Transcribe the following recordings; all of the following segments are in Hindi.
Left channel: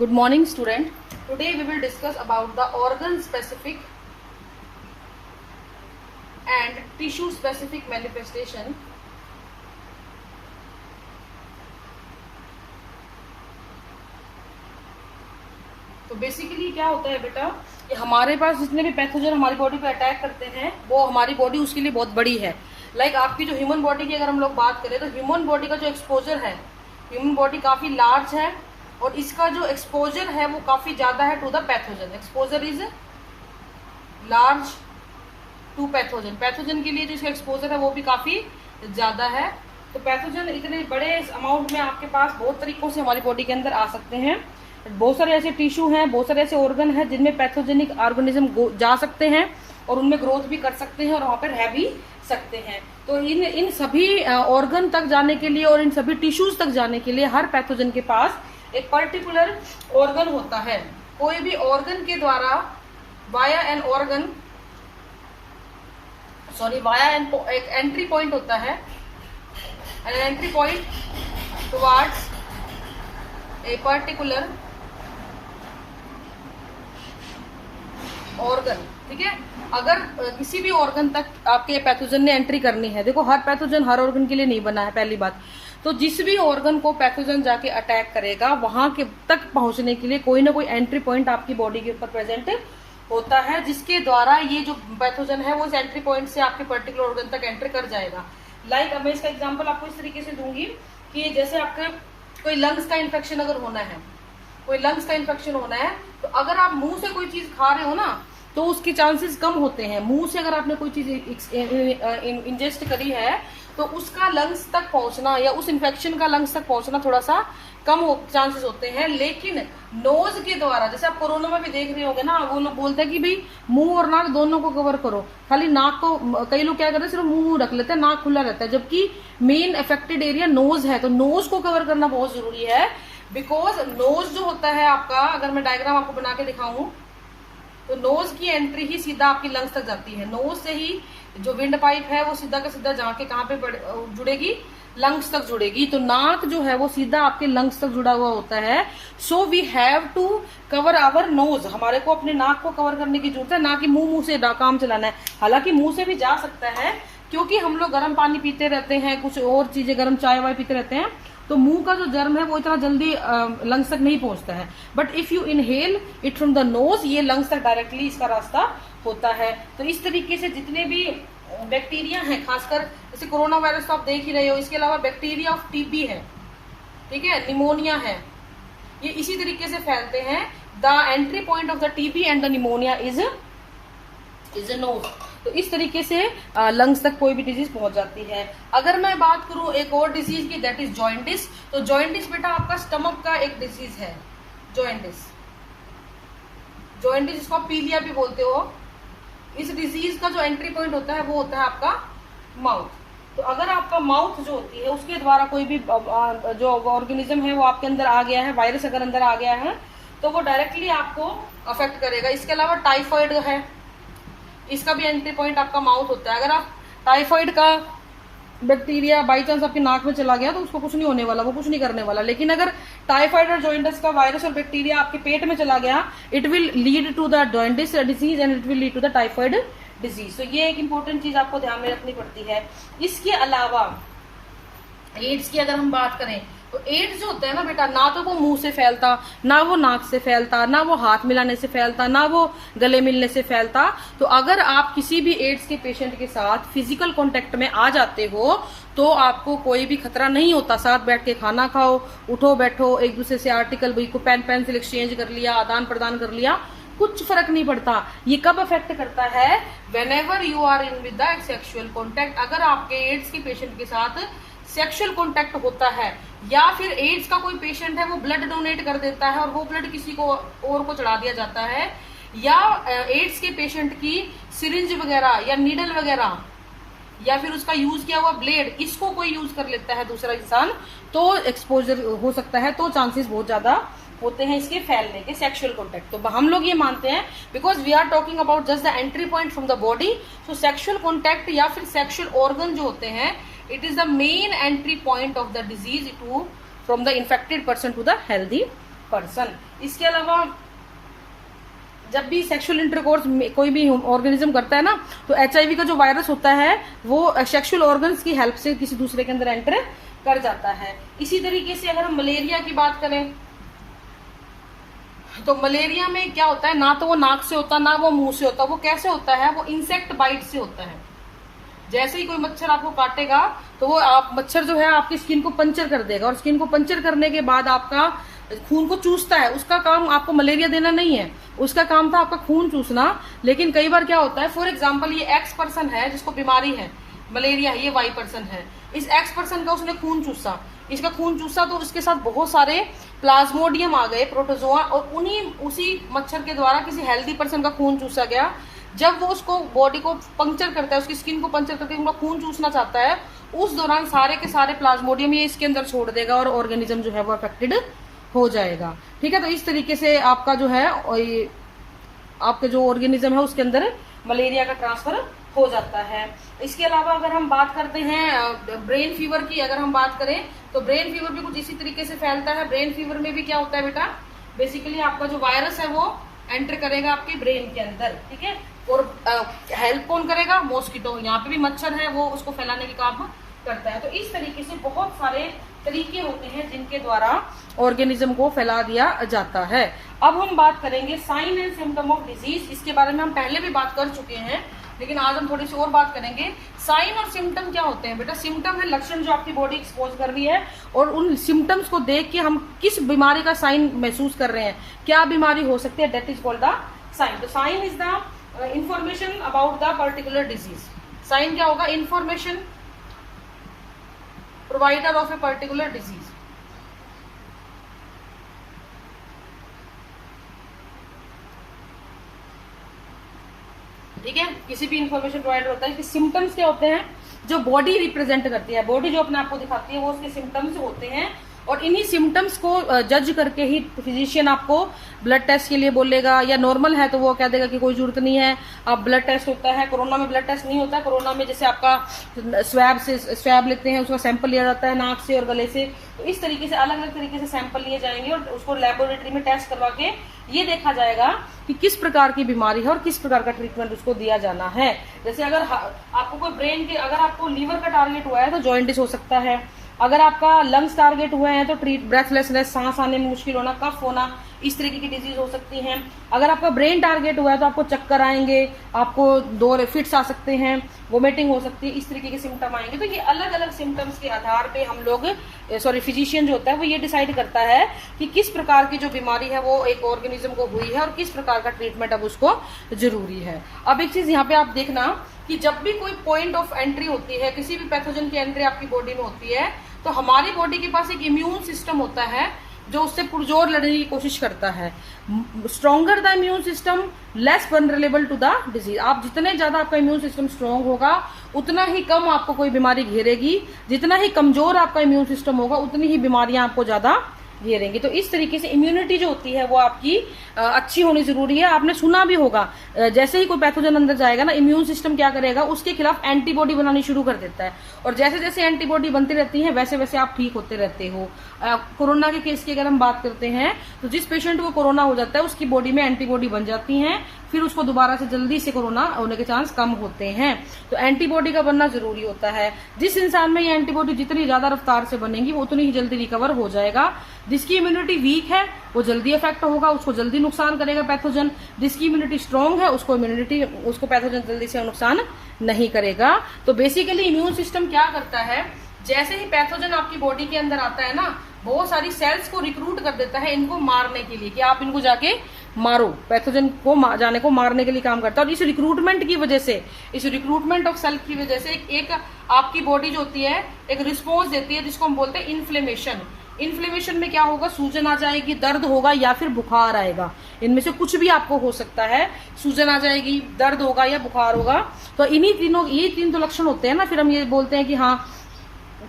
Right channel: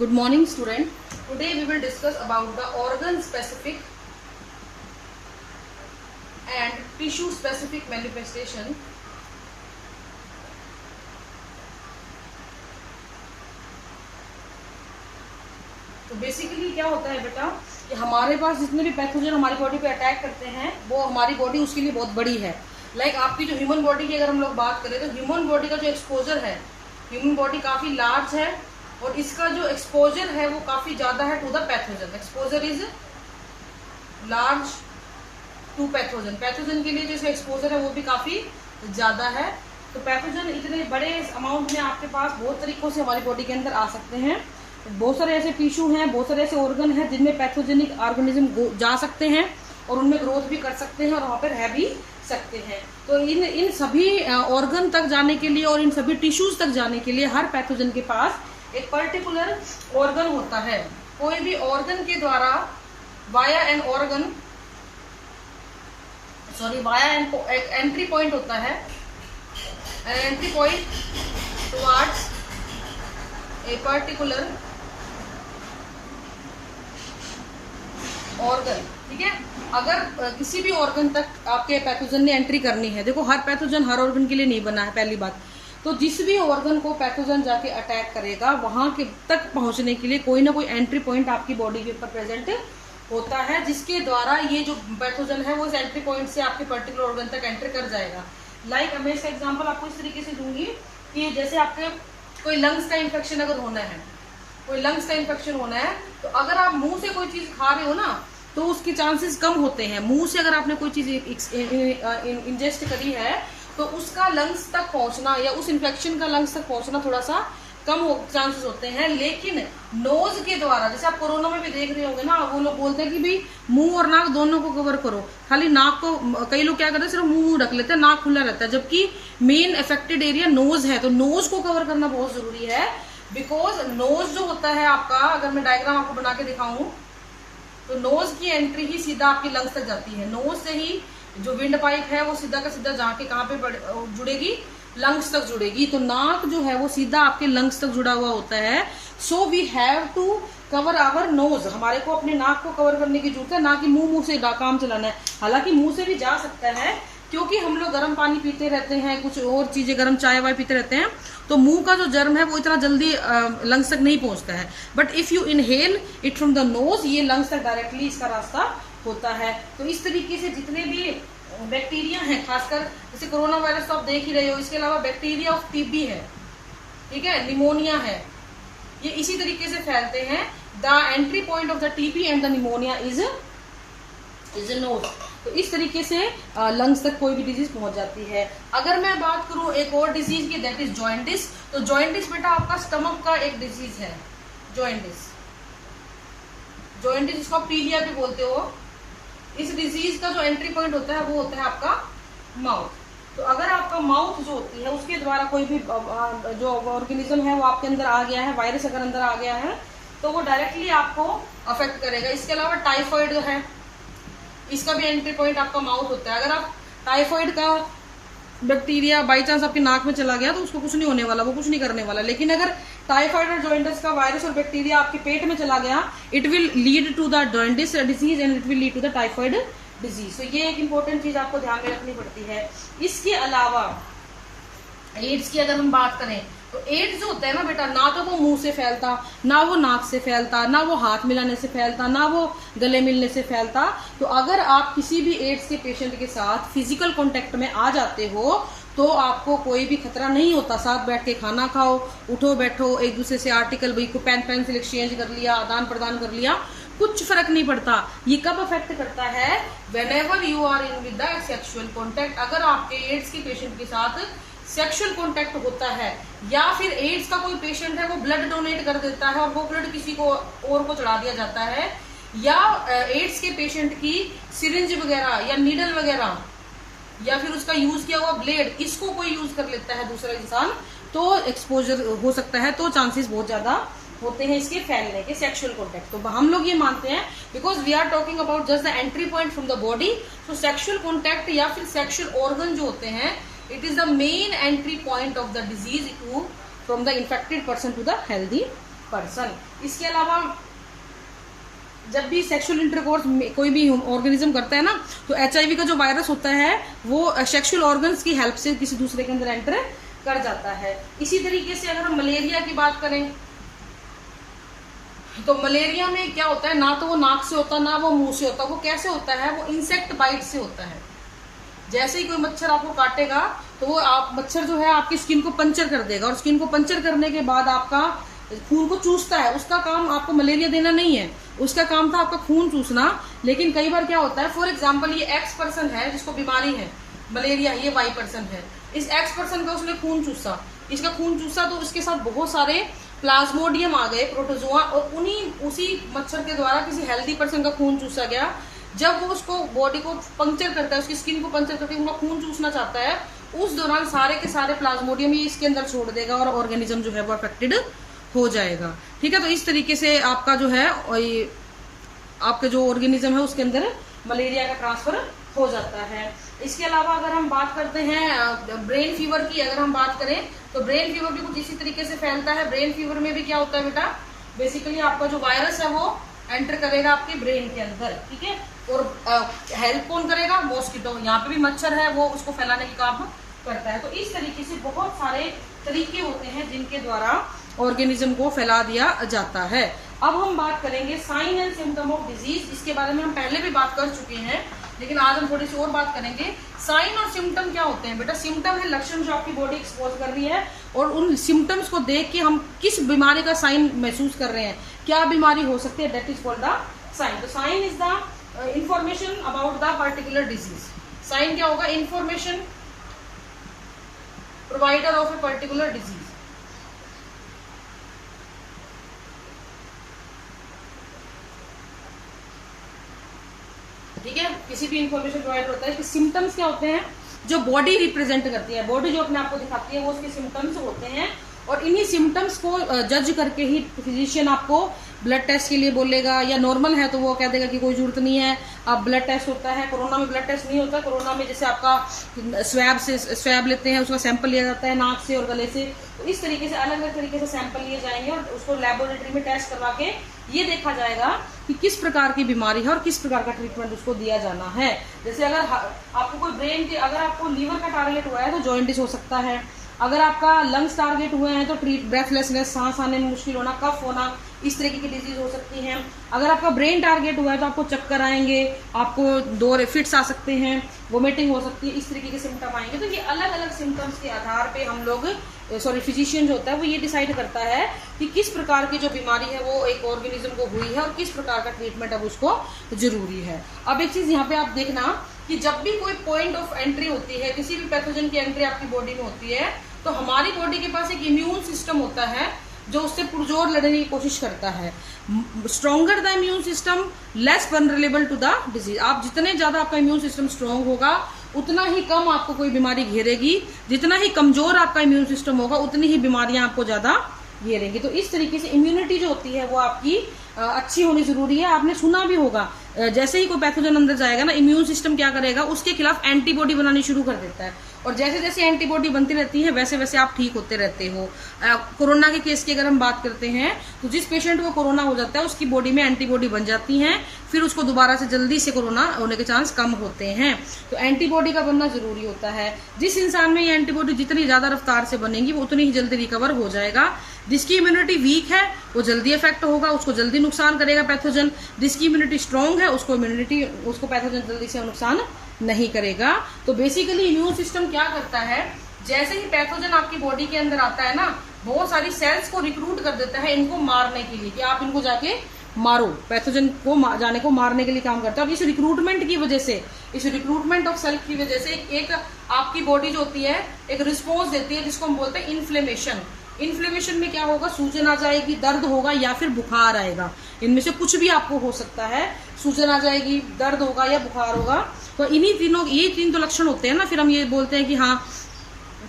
Good morning, student. Today we will discuss about the organ specific and tissue specific manifestation. तो बेसिकली क्या होता है बेटा कि हमारे पास जितने भी पैथोजन हमारी बॉडी पे अटैक करते हैं वो हमारी बॉडी उसके लिए बहुत बड़ी है. लाइक आपकी जो ह्यूमन बॉडी की अगर हम लोग बात करें तो ह्यूमन बॉडी का जो एक्सपोजर है, ह्यूमन बॉडी काफी लार्ज है और इसका जो एक्सपोजर है वो काफी ज्यादा है to the pathogen. Exposure is large to pathogen. Pathogen के लिए जो इसका एक्सपोजर है वो भी काफी ज्यादा है. तो पैथोजन इतने बड़े अमाउंट में आपके पास बहुत तरीकों से हमारी बॉडी के अंदर आ सकते हैं. बहुत सारे ऐसे टिश्यू हैं, बहुत सारे ऐसे ऑर्गन हैं जिनमें पैथोजेनिक ऑर्गेनिज्म जा सकते हैं और उनमें ग्रोथ भी कर सकते हैं और वहां पर रह भी सकते हैं. तो इन सभी ऑर्गन तक जाने के लिए और इन सभी टिश्यूज तक जाने के लिए हर पैथोजन के पास एक पर्टिकुलर ऑर्गन होता है. कोई भी ऑर्गन के द्वारा वाया एन एंट्री पॉइंट होता है. An entry point towards a particular organ. ठीक है, अगर किसी भी ऑर्गन तक आपके पैथोजन ने एंट्री करनी है, देखो हर पैथोजन हर ऑर्गन के लिए नहीं बना है पहली बात. तो जिस भी ऑर्गन को पैथोजन जाके अटैक करेगा वहां के तक पहुंचने के लिए कोई ना कोई एंट्री पॉइंट आपकी बॉडी के ऊपर प्रेजेंट होता है जिसके द्वारा ये जो पैथोजन है वो इस एंट्री पॉइंट से आपके पर्टिकुलर ऑर्गन तक एंटर कर जाएगा. लाइक अब मैं इसका एग्जांपल आपको इस तरीके से दूंगी कि जैसे आपके कोई लंग्स का इन्फेक्शन अगर होना है, कोई लंग्स का इन्फेक्शन होना है तो अगर आप मुंह से कोई चीज खा रहे हो ना तो उसके चांसेस कम होते हैं. मुंह से अगर आपने कोई चीज इंजेस्ट करी है तो उसका लंग्स तक पहुंचना या उस इन्फेक्शन का लंग्स तक पहुंचना थोड़ा सा कम चांसेस होते हैं. लेकिन नोज के द्वारा, जैसे आप कोरोना में भी देख रहे होंगे ना, वो लोग बोलते हैं कि भाई मुंह और नाक दोनों को कवर करो, खाली नाक को कई लोग क्या करते हैं सिर्फ मुंह रख लेते हैं, नाक खुला रहता है, जबकि मेन अफेक्टेड एरिया नोज है. तो नोज को कवर करना बहुत जरूरी है. बिकॉज नोज जो होता है आपका, अगर मैं डायग्राम आपको बना के दिखाऊं तो नोज की एंट्री ही सीधा आपकी लंग्स तक जाती है. नोज से ही जो विंड पाइप है वो सीधा का सीधा जाके कहाँ पे जुड़ेगी, लंग्स तक जुड़ेगी. तो नाक जो है वो सीधा आपके लंग्स तक जुड़ा हुआ होता है. So we have to cover our nose. हमारे को अपने नाक को कवर करने की जरूरत है, ना कि मुंह से काम चलाना है. हालांकि मुंह से भी जा सकता है क्योंकि हम लोग गर्म पानी पीते रहते हैं, कुछ और चीजें गर्म चाय वाय पीते रहते हैं, तो मुंह का जो जर्म है वो इतना जल्दी लंग्स तक नहीं पहुंचता है. But if you inhale it from the nose, ये लंग्स तक डायरेक्टली इसका रास्ता होता है. तो इस तरीके से जितने भी बैक्टीरिया हैं, खासकर जैसे कोरोना वायरस तो आप देख ही रहे हो, इसके अलावा बैक्टीरिया ऑफ टीबी है, ठीक है, निमोनिया है, ये इसी तरीके से फैलते हैं. The entry point of the TB and the pneumonia is nose. तो इस तरीके से लंग्स तक कोई भी डिजीज पहुंच जाती है. अगर मैं बात करूं एक और डिजीज की, दैट इज जॉइंटिस. तो जॉइंटिस बेटा आपका स्टमक का एक डिजीज है. जॉइंटिस जिसको आप पीलिया भी बोलते हो. इस डिजीज का जो एंट्री पॉइंट होता है वो होता है आपका माउथ. तो अगर आपका माउथ जो होती है उसके द्वारा कोई भी जो ऑर्गेनिज्म है वो आपके अंदर आ गया है, वायरस अगर अंदर आ गया है तो वो डायरेक्टली आपको अफेक्ट करेगा. इसके अलावा टाइफाइड है, इसका भी एंट्री पॉइंट आपका माउथ होता है. अगर आप टाइफाइड का बैक्टीरिया बाई चांस आपके नाक में चला गया तो उसको कुछ नहीं होने वाला, वो कुछ नहीं करने वाला. लेकिन अगर टाइफाइड और जॉइंटिस का वायरस और बैक्टीरिया आपके पेट में चला गया, it will lead to the jaundice disease and it will lead to the typhoid disease. तो ये एक इंपॉर्टेंट चीज आपको ध्यान में रखनी पड़ती है. इसके अलावा एड्स की अगर हम बात करें तो एड्स जो होता है ना बेटा, ना तो वो मुंह से फैलता, ना वो नाक से फैलता, ना वो हाथ मिलाने से फैलता, ना वो गले मिलने से फैलता. तो अगर आप किसी भी एड्स के पेशेंट के साथ फिजिकल कांटेक्ट में आ जाते हो तो आपको कोई भी खतरा नहीं होता. साथ बैठ के खाना खाओ, उठो बैठो, एक दूसरे से आर्टिकल भाई को पेंसिल एक्सचेंज कर लिया, आदान प्रदान कर लिया, कुछ फर्क नहीं पड़ता. ये कब अफेक्ट करता है? Whenever you are in with the sexual contact. अगर आपके एड्स के पेशेंट के साथ सेक्सुअल कॉन्टेक्ट होता है या फिर एड्स का कोई पेशेंट है वो ब्लड डोनेट कर देता है और वो ब्लड किसी को और को चढ़ा दिया जाता है, या एड्स के पेशेंट की सिरिंज वगैरह या नीडल वगैरह या फिर उसका यूज किया हुआ ब्लेड, इसको कोई यूज कर लेता है दूसरा इंसान, तो एक्सपोजर हो सकता है. तो चांसेस बहुत ज्यादा होते हैं इसके फैलने के, सेक्सुअल कॉन्टेक्ट. तो हम लोग ये मानते हैं because we are talking about just the entry point from the body. So sexual contact या फिर सेक्सुअल ऑर्गन जो होते हैं, it is the main entry point of the disease from the infected person to the healthy person. इसके अलावा जब भी सेक्सुअल इंटरकोर्स कोई भी ऑर्गेनिज्म करता है ना, तो HIV का जो वायरस होता है वो सेक्सुअल ऑर्गन्स की हेल्प से किसी दूसरे के अंदर एंटर कर जाता है। इसी तरीके से अगर हम मलेरिया की बात करें तो मलेरिया में क्या होता है, ना तो वो नाक से होता ना वो मुंह से होता। वो कैसे होता है, वो इंसेक्ट बाइट से होता है। जैसे ही कोई मच्छर आपको काटेगा तो वो मच्छर जो है आपकी स्किन को पंचर कर देगा, और स्किन को पंचर करने के बाद आपका खून को चूसता है। उसका काम आपको मलेरिया देना नहीं है, उसका काम था आपका खून चूसना। लेकिन कई बार क्या होता है, फॉर एग्जाम्पल ये एक्स पर्सन है जिसको बीमारी है मलेरिया, ये वाई पर्सन है। इस एक्स पर्सन का उसने खून चूसा, इसका खून चूसा तो उसके साथ बहुत सारे प्लाज्मोडियम आ गए, प्रोटोजोआ, और उसी मच्छर के द्वारा किसी हेल्दी पर्सन का खून चूसा गया। जब वो उसको बॉडी को पंक्चर करता है, उसकी स्किन को पंक्चर करके उनका खून चूसना चाहता है, उस दौरान सारे के सारे प्लाज्मोडियम ये इसके अंदर छोड़ देगा और ऑर्गेनिज्म जो है वो अफेक्टेड हो जाएगा। ठीक है, तो इस तरीके से आपका जो है आपका जो ऑर्गेनिज्म है उसके अंदर मलेरिया का ट्रांसफर हो जाता है। इसके अलावा अगर हम बात करते हैं ब्रेन फीवर की, अगर हम बात करें तो ब्रेन फीवर भी कुछ इसी तरीके से फैलता है। ब्रेन फीवर में भी क्या होता है बेटा, बेसिकली आपका जो वायरस है वो एंटर करेगा आपके ब्रेन के अंदर। ठीक है, और हेल्प कौन करेगा, मॉस्किटो। यहाँ पे भी मच्छर है वो उसको फैलाने के काम करता है। तो इस तरीके से बहुत सारे तरीके होते हैं जिनके द्वारा ऑर्गेनिज्म को फैला दिया जाता है। अब हम बात करेंगे sign and symptom of disease. इसके बारे में हम पहले भी बात कर चुके हैं, लेकिन आज हम थोड़ी सी और बात करेंगे। साइन और सिम्टम क्या होते हैं बेटा, सिम्टम है लक्षण जो आपकी बॉडी एक्सपोज कर रही है, और उन सिम्टम्स को देख के हम किस बीमारी का साइन महसूस कर रहे हैं, क्या बीमारी हो सकती है, that is called the sign. तो sign is the information about the particular disease. Sign क्या होगा, information provider of a particular disease. ठीक है, किसी भी इंफॉर्मेशन प्रोवाइड होता है कि सिम्टम्स क्या होते हैं, जो बॉडी रिप्रेजेंट करती है, बॉडी जो अपने आप को दिखाती है वो उसके सिम्टम्स होते हैं। और इन्हीं सिम्टम्स को जज करके ही फिजिशियन आपको ब्लड टेस्ट के लिए बोलेगा, या नॉर्मल है तो वो कह देगा कि कोई जरूरत नहीं है, अब ब्लड टेस्ट होता है। कोरोना में ब्लड टेस्ट नहीं होता, कोरोना में जैसे आपका स्वैब लेते हैं, उसका सैंपल लिया जाता है नाक से और गले से। तो इस तरीके से अलग अलग तरीके से सैंपल लिए जाएंगे और उसको लेबोरेटरी में टेस्ट करवा के ये देखा जाएगा कि किस प्रकार की बीमारी है और किस प्रकार का ट्रीटमेंट उसको दिया जाना है। जैसे अगर आपको कोई ब्रेन के, अगर आपको लीवर का टारगेट हुआ है तो जॉइंटिस हो सकता है। अगर आपका लंग्स टारगेट हुए हैं तो ब्रेथलेसनेस, सांस आने में मुश्किल होना, कफ होना, इस तरीके की डिजीज हो सकती हैं। अगर आपका ब्रेन टारगेट हुआ है तो आपको चक्कर आएंगे, आपको दौरे फिट्स आ सकते हैं, वोमिटिंग हो सकती है, इस तरीके के सिम्टम आएंगे। तो ये अलग अलग सिम्टम्स के आधार पे हम लोग फिजिशियन जो होता है वो ये डिसाइड करता है कि किस प्रकार की जो बीमारी है वो एक ऑर्गेनिज्म को हुई है और किस प्रकार का ट्रीटमेंट अब उसको जरूरी है। अब एक चीज यहाँ पे आप देखना कि जब भी कोई पॉइंट ऑफ एंट्री होती है, किसी भी पैथोजन की एंट्री आपकी बॉडी में होती है, तो हमारी बॉडी के पास एक इम्यून सिस्टम होता है जो उससे पुरजोर लड़ने की कोशिश करता है। Stronger the immune system less vulnerable to the disease. आप जितने ज्यादा आपका इम्यून सिस्टम स्ट्रांग होगा उतना ही कम आपको कोई बीमारी घेरेगी, जितना ही कमजोर आपका इम्यून सिस्टम होगा उतनी ही बीमारियां आपको ज्यादा घेरेंगी। तो इस तरीके से इम्यूनिटी जो होती है वो आपकी अच्छी होनी जरूरी है। आपने सुना भी होगा, जैसे ही कोई पैथोजन अंदर जाएगा ना, इम्यून सिस्टम क्या करेगा, उसके खिलाफ एंटीबॉडी बनानी शुरू कर देता है, और जैसे जैसे एंटीबॉडी बनती रहती है वैसे वैसे आप ठीक होते रहते हो। कोरोना के केस की अगर हम बात करते हैं तो जिस पेशेंट को कोरोना हो जाता है उसकी बॉडी में एंटीबॉडी बन जाती हैं, फिर उसको दोबारा से जल्दी से कोरोना होने के चांस कम होते हैं। तो एंटीबॉडी का बनना जरूरी होता है। जिस इंसान में ये एंटीबॉडी जितनी ज्यादा रफ्तार से बनेगी वो उतनी ही जल्दी रिकवर हो जाएगा। जिसकी इम्यूनिटी वीक है वो जल्दी इफेक्ट होगा, उसको जल्दी नुकसान करेगा पैथोजन। जिसकी इम्यूनिटी स्ट्रांग है उसको पैथोजन जल्दी से नुकसान नहीं करेगा। तो बेसिकली इम्यून सिस्टम क्या करता है, जैसे ही पैथोजन आपकी बॉडी के अंदर आता है ना, बहुत सारी सेल्स को रिक्रूट कर देता है इनको मारने के लिए, कि आप इनको जाके मारो। पैथोजन को जाने को मारने के लिए काम करता है। और इस रिक्रूटमेंट की वजह से, इस रिक्रूटमेंट ऑफ सेल की वजह से एक आपकी बॉडी जो होती है एक रिस्पॉन्स देती है जिसको हम बोलते हैं इन्फ्लेमेशन। इन्फ्लेमेशन में क्या होगा, सूजन आ जाएगी, दर्द होगा या फिर बुखार आएगा। इनमें से कुछ भी आपको हो सकता है, सूजन आ जाएगी, दर्द होगा या बुखार होगा। तो इन्हीं तीनों, ये तीन तो लक्षण होते हैं ना, फिर हम ये बोलते हैं कि हाँ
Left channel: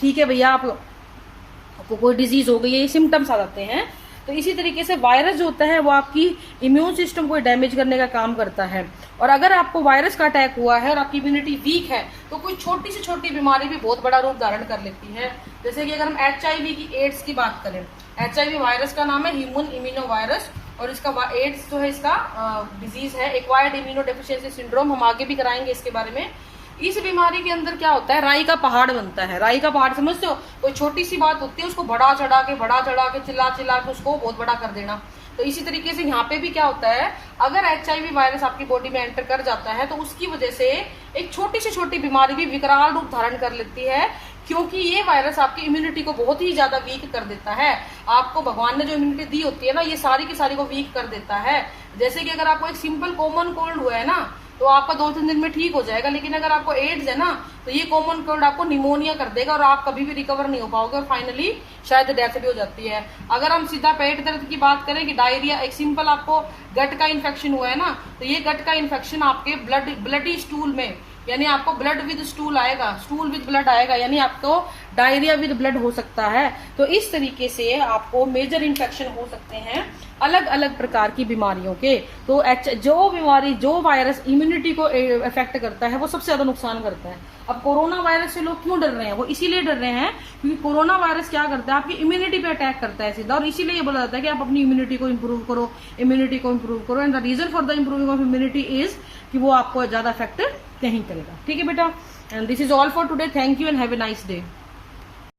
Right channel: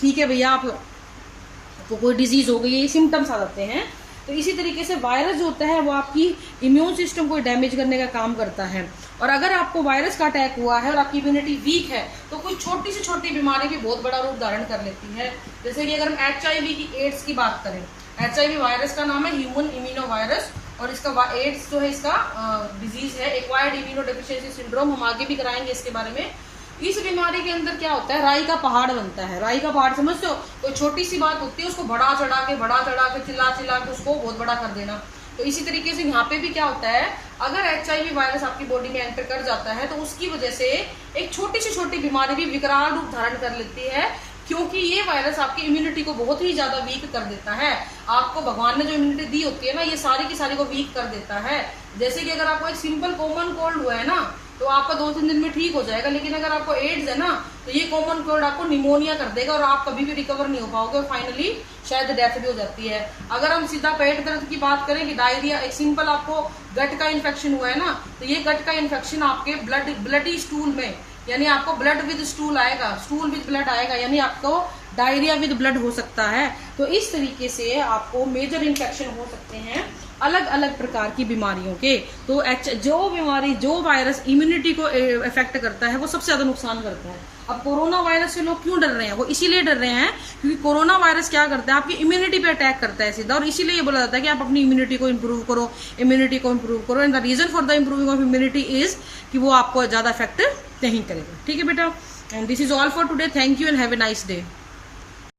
ठीक है भैया आपको कोई डिजीज हो गई है, ये सिम्टम्स आ जाते हैं। तो इसी तरीके से वायरस जो होता है वो आपकी इम्यून सिस्टम को डैमेज करने का काम करता है। और अगर आपको वायरस का अटैक हुआ है और आपकी इम्यूनिटी वीक है तो कोई छोटी से छोटी बीमारी भी बहुत बड़ा रूप धारण कर लेती है। जैसे कि अगर हम HIV की, एड्स की बात करें, HIV वायरस का नाम है ह्यूमन इम्यूनो वायरस, और इसका एड्स जो है इसका डिजीज है, एक्वायर्ड इम्यूनो डेफिशिएंसी सिंड्रोम। हम आगे भी कराएंगे इसके बारे में। इस बीमारी के अंदर क्या होता है, राई का पहाड़ बनता है। राई का पहाड़ समझते हो, कोई छोटी सी बात होती है उसको बढ़ा चढ़ा के चिल्ला के उसको बहुत बड़ा कर देना। तो इसी तरीके से यहाँ पे भी क्या होता है, अगर HIV वायरस आपकी बॉडी में एंटर कर जाता है तो उसकी वजह से एक छोटी से छोटी बीमारी भी विकराल रूप धारण कर लेती है, क्योंकि ये वायरस आपकी इम्यूनिटी को बहुत ही ज्यादा वीक कर देता है। आपको भगवान ने जो इम्यूनिटी दी होती है ना, ये सारी की सारी को वीक कर देता है। जैसे कि अगर आपको एक सिंपल कॉमन कोल्ड हुआ है ना, तो आपका 2-3 दिन में ठीक हो जाएगा, लेकिन अगर आपको एड्स है ना, तो ये कॉमन कोल्ड आपको निमोनिया कर देगा और आप कभी भी रिकवर नहीं हो पाओगे, और फाइनली शायद डेथ भी हो जाती है। अगर हम सीधा पेट दर्द की बात करें कि डायरिया, एक सिंपल आपको गट का इन्फेक्शन हुआ है ना, तो ये गट का इन्फेक्शन आपके ब्लडी स्टूल में, यानी आपको ब्लड विद स्टूल आएगा, स्टूल विद ब्लड आएगा, यानी आपको डायरिया विद ब्लड हो सकता है। तो इस तरीके से आपको मेजर इन्फेक्शन हो सकते हैं अलग अलग प्रकार की बीमारियों के। तो जो वायरस इम्यूनिटी को इफेक्ट करता है वो सबसे ज्यादा नुकसान करता है। अब कोरोना वायरस से लोग क्यों डर रहे हैं, वो इसीलिए डर रहे हैं क्योंकि कोरोना वायरस क्या करता है, आपकी इम्यूनिटी पे अटैक करता है सीधा, और इसीलिए ये बोला जाता है कि आप अपनी इम्यूनिटी को इम्प्रूव करो, and the reason for the improving of immunity is कि वो आपको ज्यादा इफेक्ट नहीं करेगा। ठीक है बेटा, and this is all for today. Thank you and have a nice day.